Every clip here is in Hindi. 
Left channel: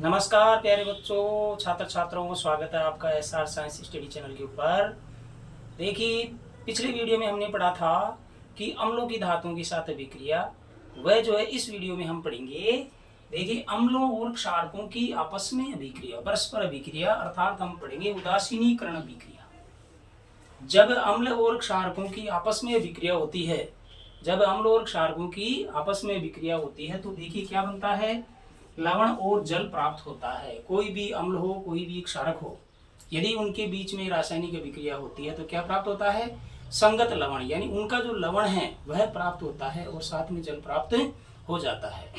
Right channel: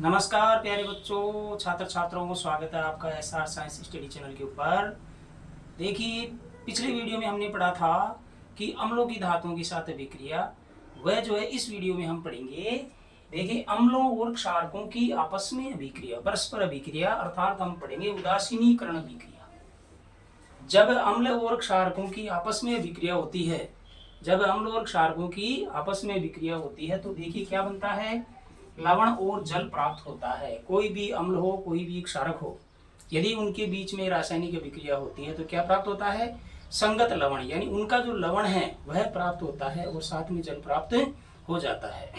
नमस्कार प्यारे बच्चों, छात्र छात्राओं को स्वागत है आपका एसआर साइंस स्टडी चैनल के ऊपर। देखिए, पिछले वीडियो में हमने पढ़ा था कि अम्लों की धातुओं के साथ अभिक्रिया, वह जो है इस वीडियो में हम पढ़ेंगे। देखिए, अम्लों और क्षारकों की आपस में अभिक्रिया, परस्पर अभिक्रिया, अर्थात हम पढ़ेंगे उदासीनीकरण अभिक्रिया। जब अम्ल और क्षारकों की आपस में अभिक्रिया होती है, जब अम्ल और क्षारकों की आपस में अभिक्रिया होती है तो देखिए क्या बनता है, लवण और जल प्राप्त होता है। कोई भी अम्ल हो, कोई भी क्षारक हो, यदि उनके बीच में रासायनिक अभिक्रिया होती है तो क्या प्राप्त होता है, संगत लवण, यानी उनका जो लवण है वह प्राप्त होता है और साथ में जल प्राप्त हो जाता है।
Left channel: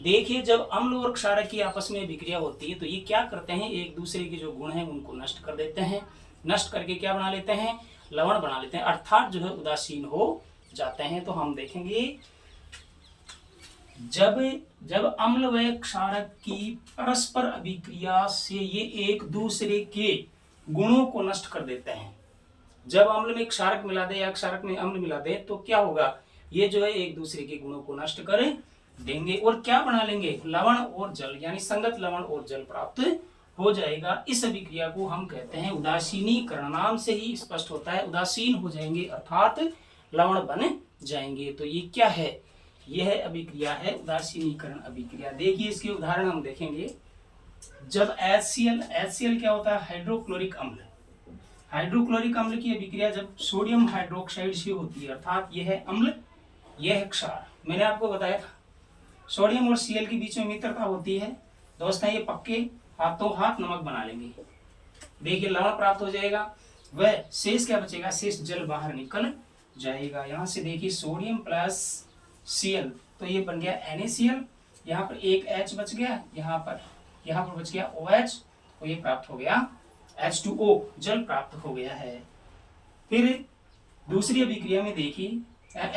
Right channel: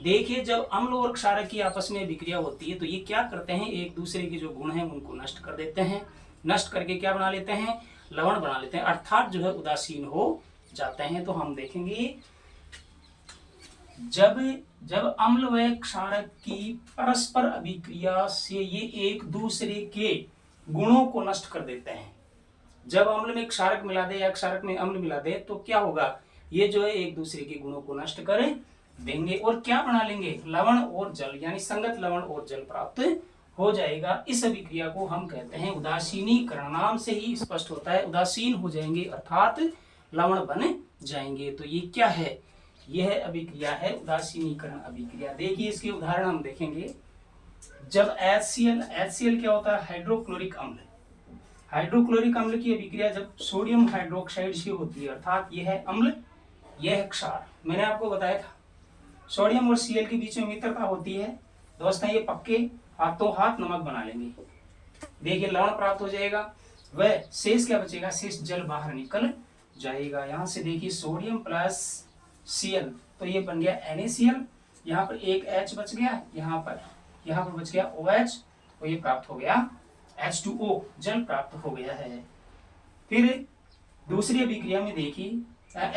देखिए, जब अम्ल और क्षारक की आपस में अभिक्रिया होती है तो ये क्या करते हैं, एक दूसरे के जो गुण हैं उनको नष्ट कर देते हैं। नष्ट करके क्या बना लेते हैं, लवण बना लेते हैं, अर्थात जो है उदासीन हो जाते हैं। तो हम देखेंगे जब जब अम्ल व क्षारक की परस्पर अभिक्रिया से ये एक दूसरे के गुणों को नष्ट कर देते हैं। जब अम्ल में क्षारक मिला दे या क्षारक में अम्ल मिला दे तो क्या होगा, ये जो है एक दूसरे के गुणों को नष्ट कर देंगे और क्या बना लेंगे, लवण और जल, यानी संगत लवण और जल प्राप्त हो जाएगा। इस अभिक्रिया को हम कहते हैं उदासीनीकरण। नाम से ही स्पष्ट होता है, उदासीन हो जाएंगे अर्थात लवण बन जाएंगे। तो ये क्या है, यह अभिक्रिया है उदासीनीकरण अभिक्रिया। देखिए, इसके उदाहरण हम देखेंगे। जब HCl क्या होता है, हाइड्रोक्लोरिक अम्ल। हाइड्रोक्लोरिक अम्ल की अभिक्रिया जब सोडियम हाइड्रोक्साइड से होती है, अर्थात यह है अम्ल, यह है क्षार। मैंने आपको बताया था सोडियम और Cl के बीच में मित्रता होती है। दोस्तों, ये पक्के हाथों हाथ नमक बना लेंगे। देखिए, लवण प्राप्त हो जाएगा, वह शेष क्या बचेगा, शेष जल बाहर निकल जाएगा। यहां से देखिए सोडियम प्लस Cl, तो ये बन गया NaCl। यहाँ पर एक H बच गया, यहाँ पर बच गया OH, तो ये प्राप्त हो गया H2O, जल प्राप्त हो गया है। फिर दूसरी अभिक्रिया में देखिए,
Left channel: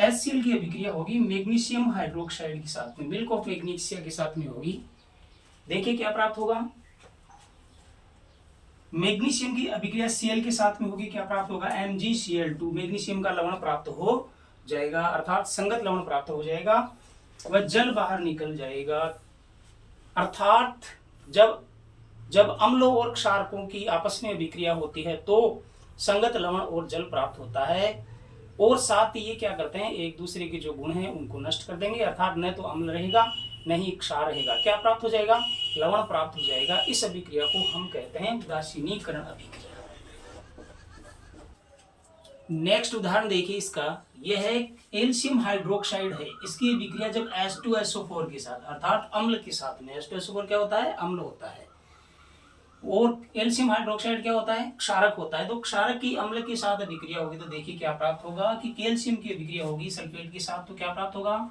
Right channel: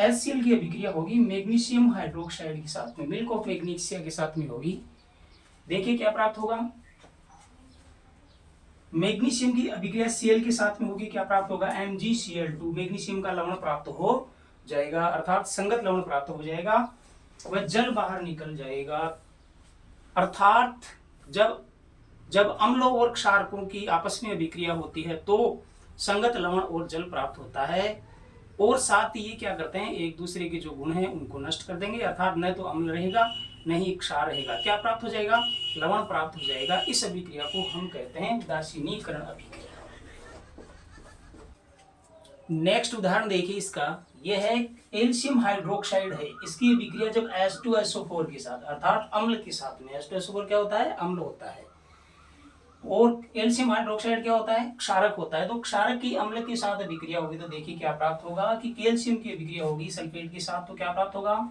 HCl की अभिक्रिया होगी मैग्नीशियम हाइड्रोक्साइड के साथ में, मिल्क ऑफ मैग्नीशिया के साथ में होगी। देखिए क्या प्राप्त होगा, मैग्नीशियम की अभिक्रिया Cl के साथ में होगी, क्या प्राप्त होगा, MgCl2, मैग्नीशियम का लवण प्राप्त हो जाएगा, अर्थात संगत लवण प्राप्त हो जाएगा, वह जल बाहर निकल जाएगा। अर्थात जब अम्लों और क्षारकों की आपस में अभिक्रिया होती है तो संगत लवण और जल प्राप्त होता है और साथ ही ये क्या करते हैं, एक दूसरे के जो गुण हैं उनको नष्ट कर देंगे, अर्थात न तो अम्ल रहेगा न ही क्षार रहेगा। क्या प्राप्त हो जाएगा, लवण प्राप्त हो जाएगा। इस अभिक्रिया को हम कहते हैं उदासीनीकरण अभिक्रिया। नेक्स्ट उदाहरण देखिए इसका, यह है कैल्शियम हाइड्रोक्साइड है। इसकी अभिक्रिया जब H2SO4 के साथ, अर्थात अम्ल के साथ में, H2SO4 क्या होता है, अम्ल होता है, और कैल्शियम हाइड्रोक्साइड क्या होता है, क्षारक होता है। तो क्षारक की अम्ल के साथ अभिक्रिया होगी तो देखिए क्या प्राप्त होगा कि कैल्शियम की अभिक्रिया होगी सल्फेट के साथ, तो क्या प्राप्त होगा,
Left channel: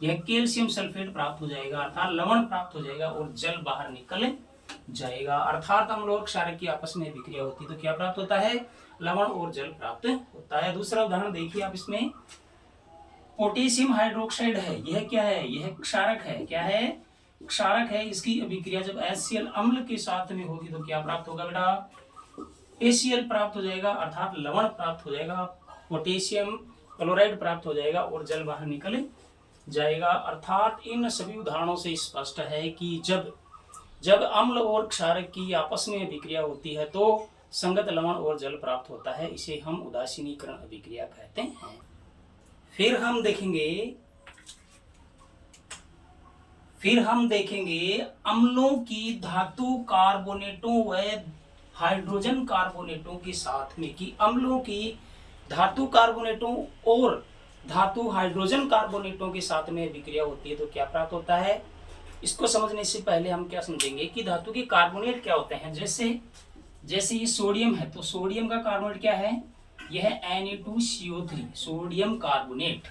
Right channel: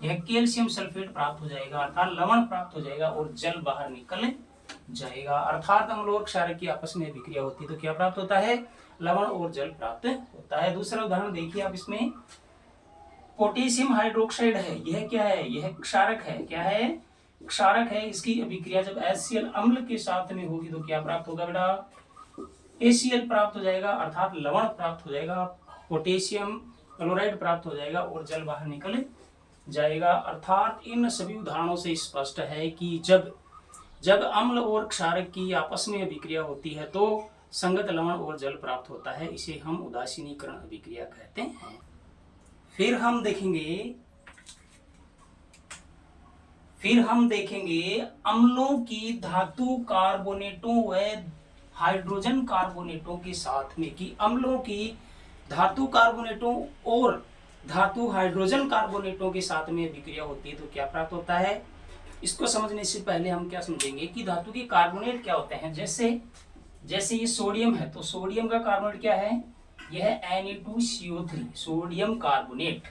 यह कैल्शियम सल्फेट प्राप्त हो जाएगा, अर्थात लवण प्राप्त हो जाएगा और जल बाहर निकल जाएगा। अर्थात अम्ल और क्षारक की आपस में अभिक्रिया होती है तो क्या प्राप्त होता है, लवण और जल प्राप्त होता है। दूसरा उदाहरण देखिए आप, इसमें पोटेशियम हाइड्रोक्साइड है, यह क्या है, यह क्षारक है, क्या है, क्षारक है। इसकी अभिक्रिया जब HCl अम्ल के साथ में होगी तो क्या प्राप्त होगा बेटा, ACl प्राप्त हो जाएगा, अर्थात लवण प्राप्त हो जाएगा, पोटेशियम क्लोराइड प्राप्त हो जाएगा और जल बाहर निकल जाएगा। अर्थात इन सभी उदाहरणों से स्पष्ट है कि जब अम्ल और क्षारक की आपस में अभिक्रिया होती है तो संगत लवण और जल प्राप्त होता है, इसे हम उदासीनीकरण अभिक्रिया कहते हैं। फिर हम देखेंगे अम्लों की धातु कार्बोनेटों व हाइड्रोजन कार्बोनेटों के साथ में, कि अम्लों की धातु कार्बोनेटों और धातु हाइड्रोजन कार्बोनेटों के साथ में अभिक्रिया होती है तो क्या प्राप्त होता है। इसको समझने से पहले हम क्या समझेंगे कि धातु के कार्बोनेट क्या होते हैं। जैसे ये सोडियम है तो सोडियम का कार्बोनेट क्या है, यह है Na2CO3, सोडियम कार्बोनेट।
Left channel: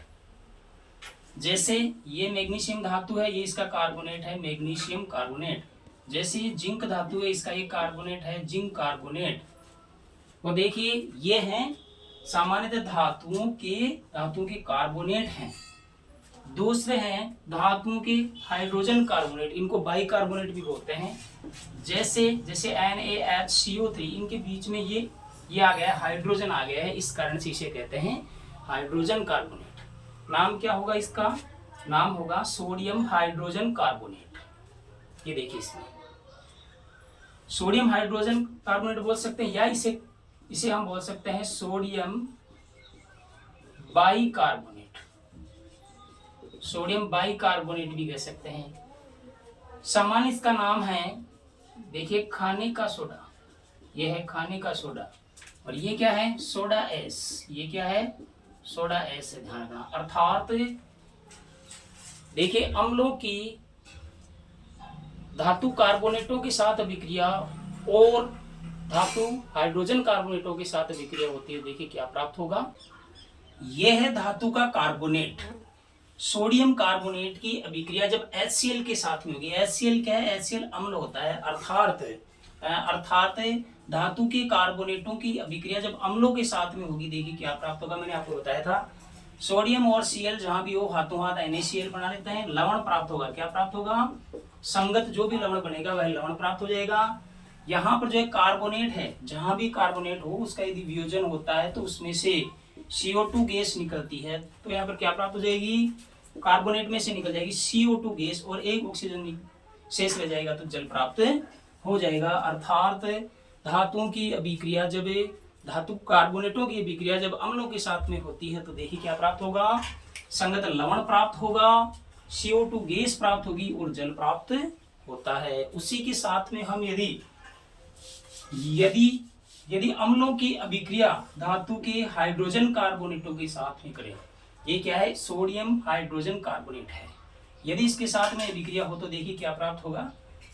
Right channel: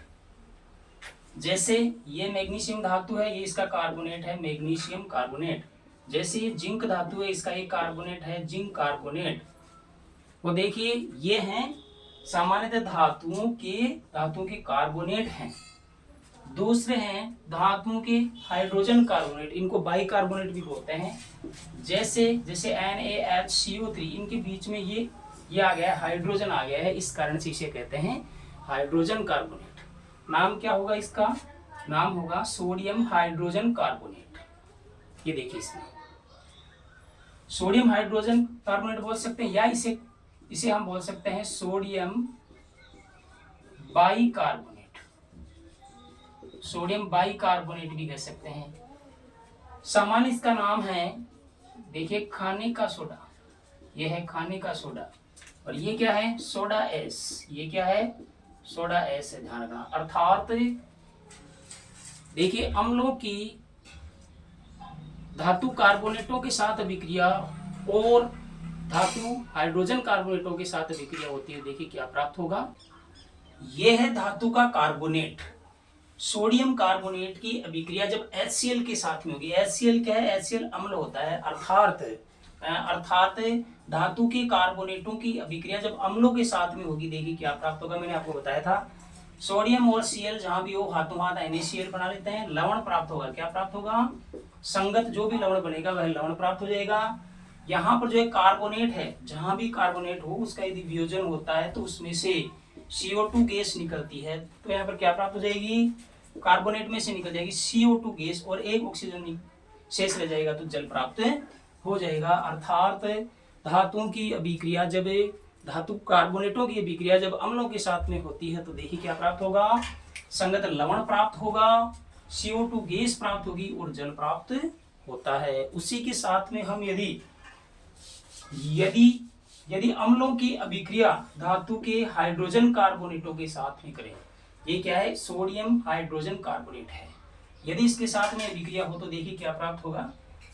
जैसे ये मैग्नीशियम धातु है, ये इसका कार्बोनेट है मैग्नीशियम कार्बोनेट। जैसे ये जिंक धातु है, इसका ये कार्बोनेट है जिंक कार्बोनेट। तो देखिए ये हैं सामान्यतः धातुओं के कार्बोनेट हैं। दूसरे हैं धातुओं के हाइड्रोजन कार्बोनेट, इनको बाई कार्बोनेट भी बोलते हैं। जैसे NaHCO3, इनके बीच में ये आ गया, हाइड्रोजन आ गया है, इस कारण से इसे कहते हैं हाइड्रोजन कार्बोनेट। नाम क्या होगा इसका, नाम होगा सोडियम हाइड्रोजन कार्बोनेट। ये देखिए इसमें सोडियम हाइड्रोजन कार्बोनेट बोल सकते हैं, या इसे हम बोल सकते हैं सोडियम बाइकार्बोनेट, सोडियम बाइकार्बोनेट भी कह सकते हैं। सामान्य इसका नाम है, देखिए, खाने का सोडा, यह है खाने का सोडा, और ये क्या है, सोडा एस, ये क्या है, सोडा एस है, ध्यान रखना। अर्थात देखिए, अम्लों की धातु कार्बोनेटों के साथ अभिक्रिया और धातु हाइड्रोजन कार्बोनेटों के साथ अभिक्रिया होती है, देखिए क्या प्राप्त होगा। यह है धातु का कार्बोनेट, सोडियम कार्बोनेट की अभिक्रिया जब HCl के साथ में होगी। HCl क्या है, HCl अम्ल होता है, अर्थात धातु के कार्बोनेटों की अभिक्रिया जब अम्लों के साथ में होगी, देखिए क्या प्राप्त होगा। मैंने आपको बताया था, सोडियम और Cl जहां भी हो हाथों हाथ NaCl बना लेते हैं, लवण प्राप्त होगा। क्या प्राप्त होगा, संगत जो भी लवण बनेगा वह लवण प्राप्त हो जाएगा। यहाँ पर जो है कार्बोनेट है, जहां भी कार्बोनेट हो उसका यदि वियोजन होता है तो उसमें से CO2 गैस निकलती है, तो यहाँ पर क्या प्राप्त हो जाएगी, कार्बोनेट में से निकल जाएगी CO2 गैस और एक ऑक्सीजन शेष रह जाएगा, तो जल प्राप्त हो जाएगा। अर्थात धातुओं की अभिक्रिया जब धातु कार्बोनेटों की अभिक्रिया जब अम्लों के साथ में होती है तो देखिए क्या प्राप्त होगा, संगत लवण प्राप्त होगा, CO2 गैस प्राप्त होगी और जल प्राप्त होता है। उसी के साथ में हम यदि अम्लों की अभिक्रिया धातु के हाइड्रोजन कार्बोनेटों के साथ में करें, ये क्या है, सोडियम हाइड्रोजन कार्बोनेट है, यदि इसके साथ में अभिक्रिया हो तो देखिए क्या प्राप्त होगा,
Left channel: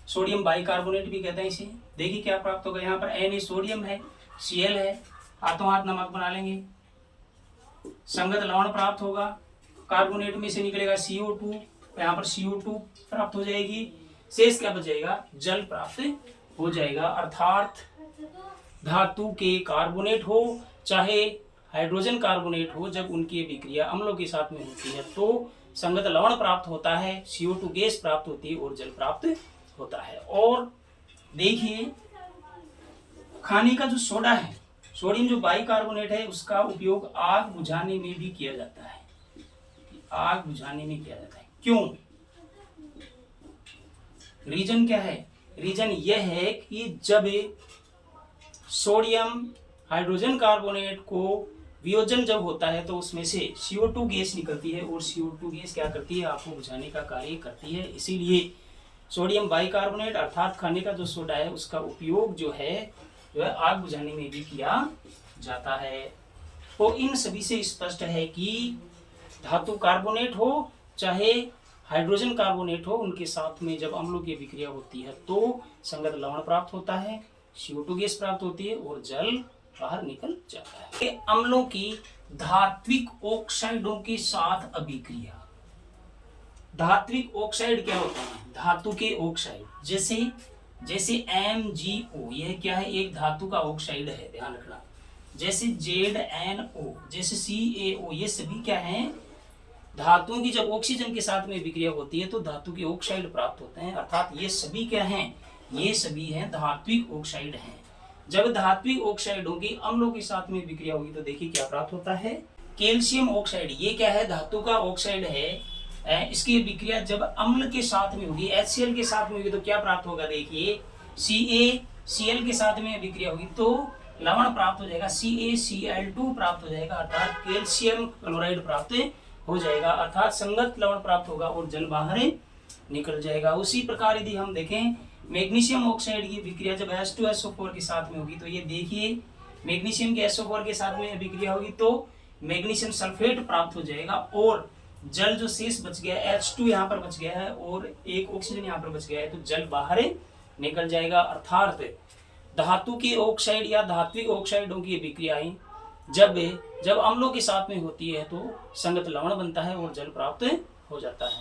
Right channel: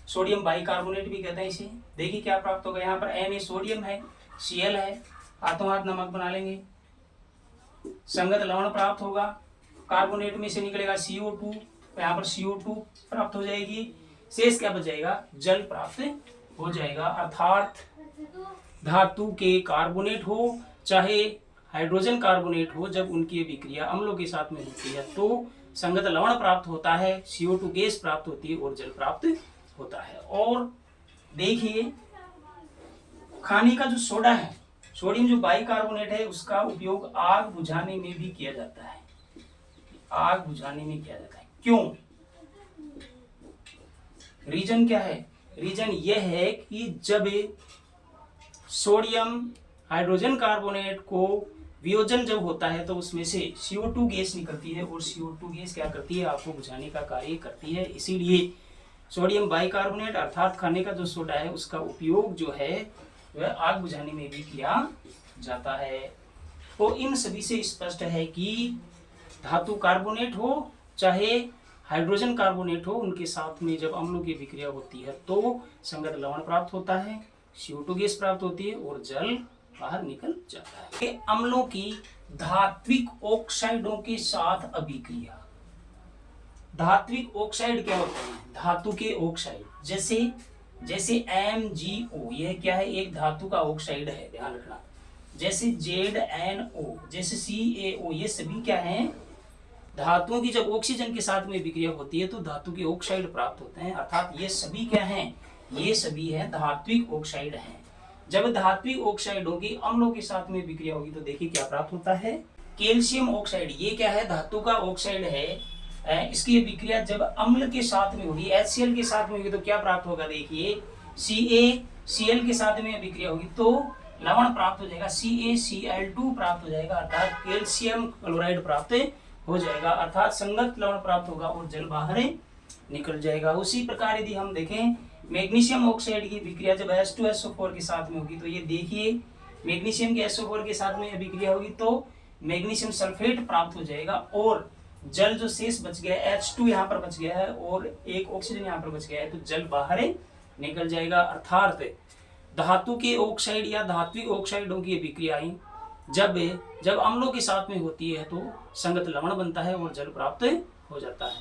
सोडियम बाइकार्बोनेट भी कहते हैं इसे। देखिए क्या प्राप्त होगा, यहाँ पर Na सोडियम है, Cl है, हाथों हाथ नमक बना लेंगे, संगत लवण प्राप्त होगा, कार्बोनेट में से निकलेगा CO2, यहाँ पर CO2 प्राप्त हो जाएगी, शेष क्या बच जाएगा, जल प्राप्त हो जाएगा। अर्थात धातु के कार्बोनेट हो चाहे हाइड्रोजन कार्बोनेट हो, जब उनकी अभिक्रिया अम्लों के साथ में होती है तो संगत लवण प्राप्त होता है, CO2 गैस प्राप्त होती है और जल प्राप्त होता है। और देखिए, खाने का जो सोडा है, सोडियम जो बाइकार्बोनेट है, उसका उपयोग आग बुझाने में भी किया जाता है, आग बुझाने में किया जाता है। क्यों, रीजन क्या है, रीजन यह है कि जब सोडियम हाइड्रोजन कार्बोनेट को वियोजन जब होता है तो उसमें से CO2 गैस निकलती है और CO2 गैस क्या करती है, आग को बुझाने का कार्य करती है। इसीलिए सोडियम बाइकार्बोनेट अर्थात खाने का जो सोडा है उसका उपयोग जो है आग बुझाने में भी किया जाता है। तो इन सभी से स्पष्ट है कि धातु कार्बोनेट हो चाहे हाइड्रोजन कार्बोनेट हो, उनके साथ में जब अम्लों की अभिक्रिया होती है तो संगत लवण प्राप्त होता है, CO2 गैस प्राप्त होती है और जल बाहर निकल जाता है। अम्लों की धात्विक ऑक्साइडों के साथ अभिक्रिया, धात्विक ऑक्साइड क्या होते हैं, धातु के ऑक्साइड, जैसे MgO, यह क्या है, एक धातु का ऑक्साइड है, ध्यान रखना। जैसे ZnO, जैसे CaO, ये सभी क्या हैं, धातुओं की जब ऑक्सीजन के साथ में विक्रिया होती है तो धातु के ऑक्साइड प्राप्त होते हैं। अर्थात ये सभी क्या हैं, ये सभी हैं धात्विक ऑक्साइड हैं। जब धात्विक ऑक्साइडों की अम्लों के साथ में विक्रिया होगी तो देखिए क्या प्राप्त होता है, कैल्शियम ऑक्साइड, ये क्या है, धातु का ऑक्साइड है, इसकी विक्रिया जब अम्ल के साथ में होगी, HCl के साथ में होगी तो क्या प्राप्त होगा, देखिए CaCl के साथ में विक्रिया होगी तो लवण प्राप्त हो जाएगा, CaCl2 प्राप्त हो जाएगा, अर्थात कैल्शियम क्लोराइड प्राप्त हो जाएगा, अर्थात संगत लवण प्राप्त होगा और जल बाहर निकल जाएगा। उसी प्रकार यदि हम देखें मैग्नीशियम ऑक्साइड की विक्रिया जब H2SO4 के साथ में होगी तो ये देखिए मैग्नीशियम के SO4 के साथ में विक्रिया होगी तो मैग्नीशियम सल्फेट प्राप्त हो जाएगा और जल जो शेष बच गया H2 यहाँ पर बच गया है और एक ऑक्सीजन यहाँ पर बच गया है तो जल बाहर निकल जाएगा। अर्थात धातु के ऑक्साइड या धात्विक ऑक्साइडों की विक्रियाएं जब अम्लों के साथ में होती है तो संगत लवण बनता है और जल प्राप्त हो जाता है।